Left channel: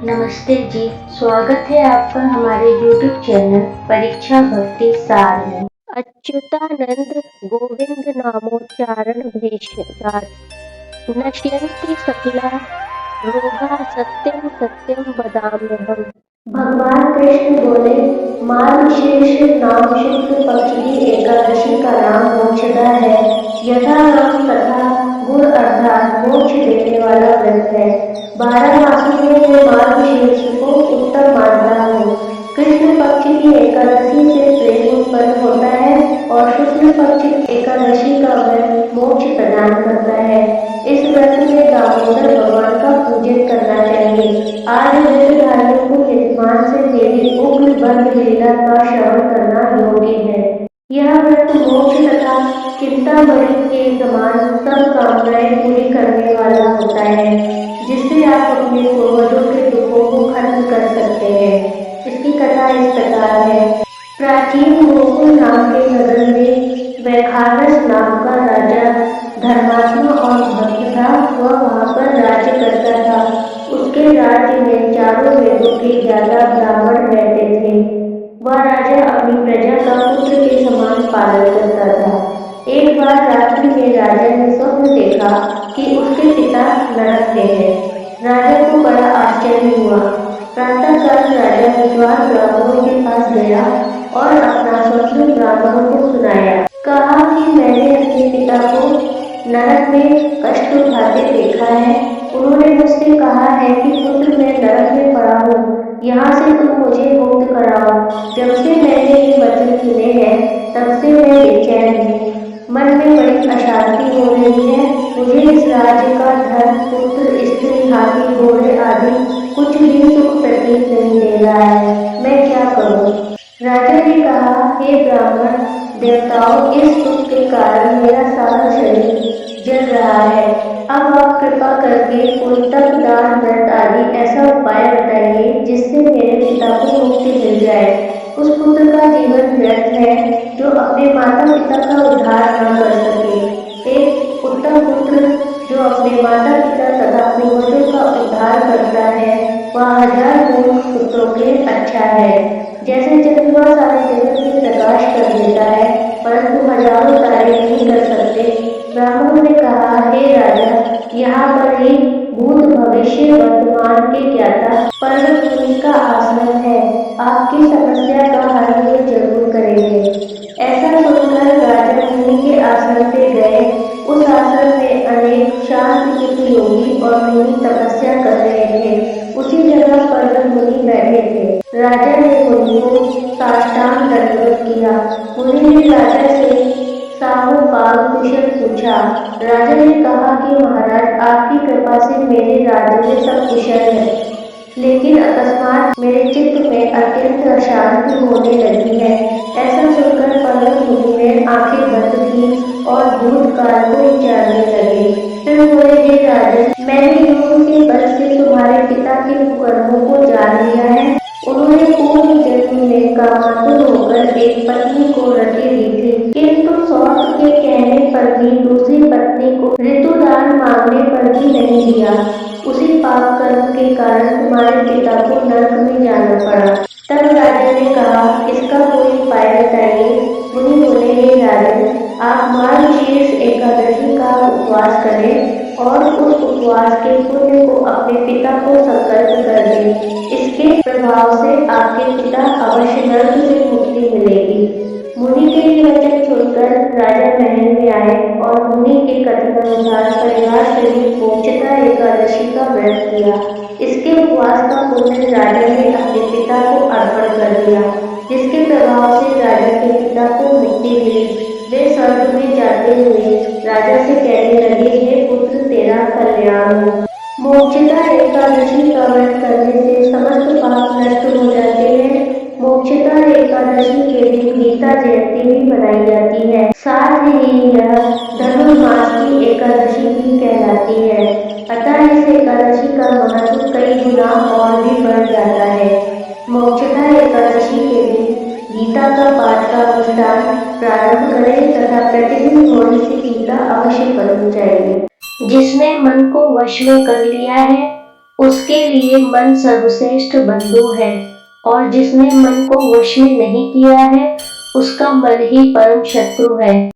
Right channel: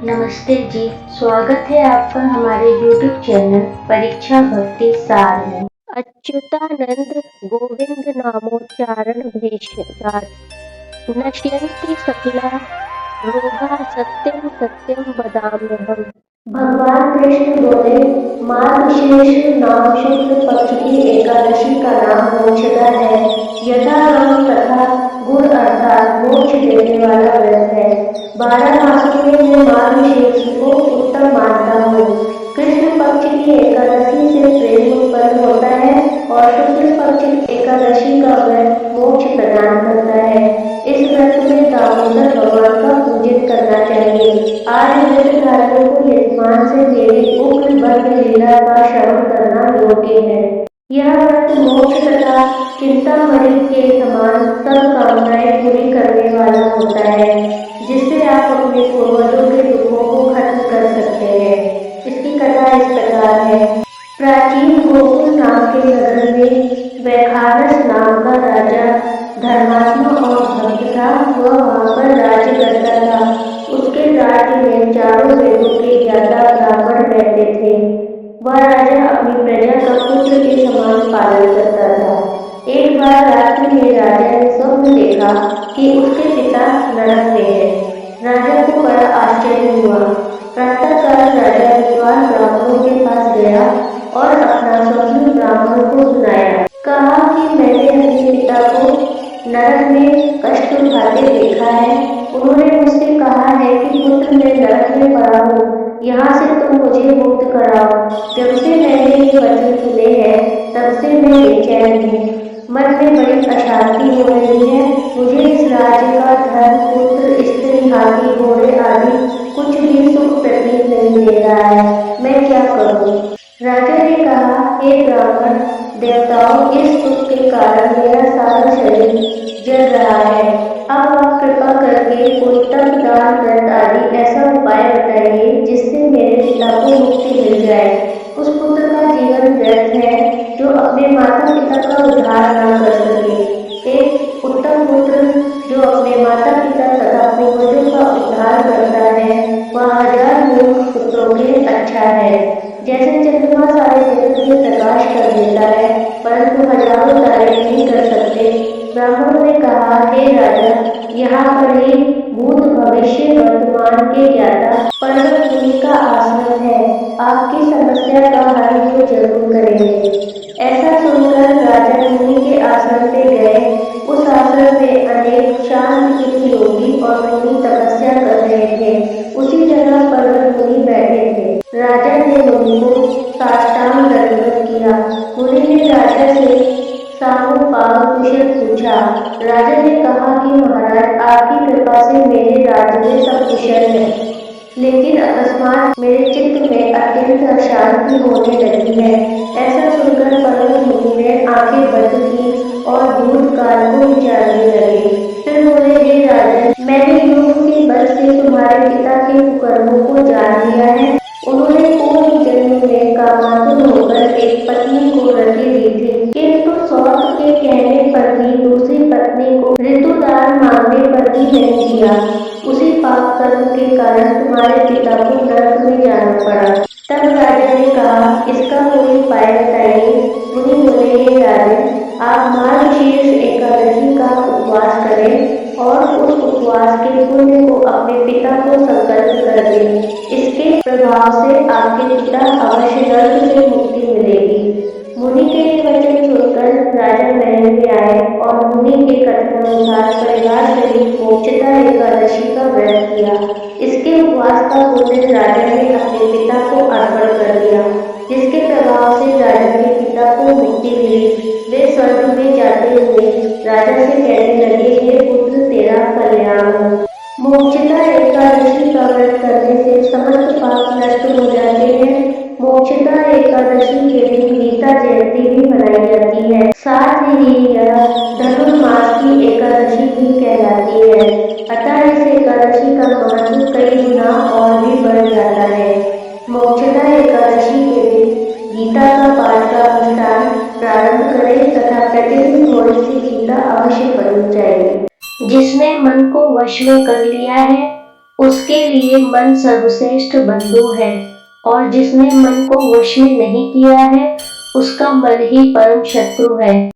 नमस्ते जी, स्वागत है आपका हमारे YouTube चैनल परीक्षा भक्ति सार में। अच्युतानंद गोविंद नामोच्चारण भेषजात नश्यन्ति सकला रोगा सत्यम सत्यम वदाम्यहम्। भगवान कृष्ण बोले, मार्गशीर्ष नाम शुक्ल पक्ष की एकादशी का नाम मोक्षदा है। यथा नाम तथा गुण अर्थात मोक्ष देने वाला व्रत है। 12 मासों में मैं मार्गशीर्ष को उत्तम मानता हूँ। कृष्ण पक्ष की एकादशी से प्रेम उत्पन्न होता है और शुक्ल पक्ष की एकादशी का व्रत मोक्ष प्रदान करता है। इस व्रत में दामोदर भगवान का पूजन करना चाहिए। आज व्रतधारियों को यजमान से मेरी उग्र बंद लीला का श्रवण करना योग्य है। यह व्रत मोक्ष तथा चिंतामणि के समान सब कामनाएं पूरी करने वाला होता है, जिससे आप अपने पूर्वजों के दुखों को खत्म कर सकते हैं। इसकी कथा इस प्रकार है। प्राचीन गोकुल नाम के नगर में वैखानस नाम का राजा धर्मात्मा और भक्त था। वह वहाँ पर राज्य करता था। उसके राज्य में चारों वेदों के ज्ञाता ब्राह्मण रहते थे। वह राजा अपनी प्रजा का पुत्र के समान पालन करता था। एक बार रात्रि में राजा ने स्वप्न देखा कि उसके पिता नरक में है। राजा को बड़ा आश्चर्य हुआ। प्रातःकाल राजा विद्वान ब्राह्मणों के पास गया और अपना स्वप्न ब्राह्मणों को सुनाया। कहा कि मैंने अपने पिता को नरक में कष्ट उठाते देखा है। उन्होंने मुझसे कहा है कि पुत्र मैं नरक में पड़ा हूँ, यहाँ से तुम मुझे मुक्त कराओ। जब से मैंने ये वचन सुने हैं तब से मैं बेचैन हूँ। मन में बड़ी अशांति हो रही है। मुझे इस राज्य का धन, पुत्र, स्त्री, हाथी, घोड़े आदि कुछ भी सुख प्रतीत नहीं दे रहा है। मैं क्या करूँ? राजा ने कहा, हे ब्राह्मण देवताओं, इस दुख के कारण मेरा सारा शरीर जल रहा है। अब आप कृपा करके कोई तप, दान, व्रत आदि ऐसा उपाय बताइए जिससे मेरे पिता को मुक्ति मिल जाए। उस पुत्र का जीवन व्यर्थ है जो अपने माता पिता का उद्धार न कर सके। एक उत्तम पुत्र जो अपने माता पिता तथा पूर्वजों का उद्धार करता है वह 1000 मूर्ख पुत्रों के अच्छा है। जैसे चंद्रमा सारे जगत में प्रकाश कर देता है परंतु हजारों तारे नहीं कर सकते। ब्राह्मणों ने कहा, हे राजा, यहाँ पर ही भूत, भविष्य, वर्तमान के ज्ञाता पर्वत मुनि का आश्रम है। आपकी समस्या का हल वो जरूर करेंगे। ऐसा सुनकर राजा मुनि के आश्रम पे गए। उस आश्रम में अनेक शांत चित्त योगी और मुनि तपस्या कर रहे थे। उसी जगह पर्वत मुनि बैठे थे। राजा ने मुनि को साष्टांग दंडवत किया। मुनि ने राजा से सामोपांग कुशल पूछा। राजा ने कहा कि महाराज, आपकी कृपा से मेरे राज्य में सब कुशल है, लेकिन अकस्मात मेरे चित्त में अत्यंत अशांति होने लगी है। ऐसा सुनकर पर्वत मुनि ने आंखें बंद की और भूतकाल को विचारने लगे। फिर बोले, हे राजन, मैंने योग के बल से तुम्हारे पिता के कुकर्मों को जान लिया है। उन्होंने पूर्व जन्म में कामातुर होकर एक पत्नी को रति दी थी, किंतु सौत के कहने पर भी दूसरी पत्नी को ऋतुदान मांगने पर भी नहीं दिया। उसी पाप कर्म के कारण तुम्हारे पिता को नरक में जाना पड़ा। तब राजा ने कहा, इसका कोई उपाय बताइए। मुनि बोले, हे राजन, आप मार्गशीर्ष एकादशी का उपवास करें और उस उपवास के पुण्य को अपने पिता को संकल्प कर दें। इसके प्रभाव से आपके पिता अवश्य नरक से मुक्ति मिलेगी। मुनि के ये वचन सुनकर राजा महल में आए और मुनि के कथनानुसार परिवार सहित मोक्षदा एकादशी का व्रत किया। इसके उपवास का पुण्य राजा ने अपने पिता को अर्पण कर दिया, जिसके प्रभाव से राजा के पिता को मुक्ति मिली। वे स्वर्ग में जाते हुए राजा से कहने लगे, हे पुत्र, तेरा कल्याण हो। मोक्षदा एकादशी का व्रत करने से समस्त पाप नष्ट हो जाते हैं। मोक्षदा एकादशी के दिन गीता जयंती भी मनाई जाती है। साथ ही यह धनुर्मास की एकादशी भी कहलाती है। अतः इस एकादशी का महत्व कई गुना और भी बढ़ जाता है। मोक्षदा एकादशी के दिन गीता का पाठ का अनुष्ठान प्रारंभ करें तथा प्रतिदिन थोड़ी सी गीता अवश्य पढ़नी चाहिए। जिसने मन को वश में कर लिया है उसके लिए मन सर्वश्रेष्ठ बंधु है और जिसने मन को वश में नहीं किया है उसका मन ही परम शत्रु है।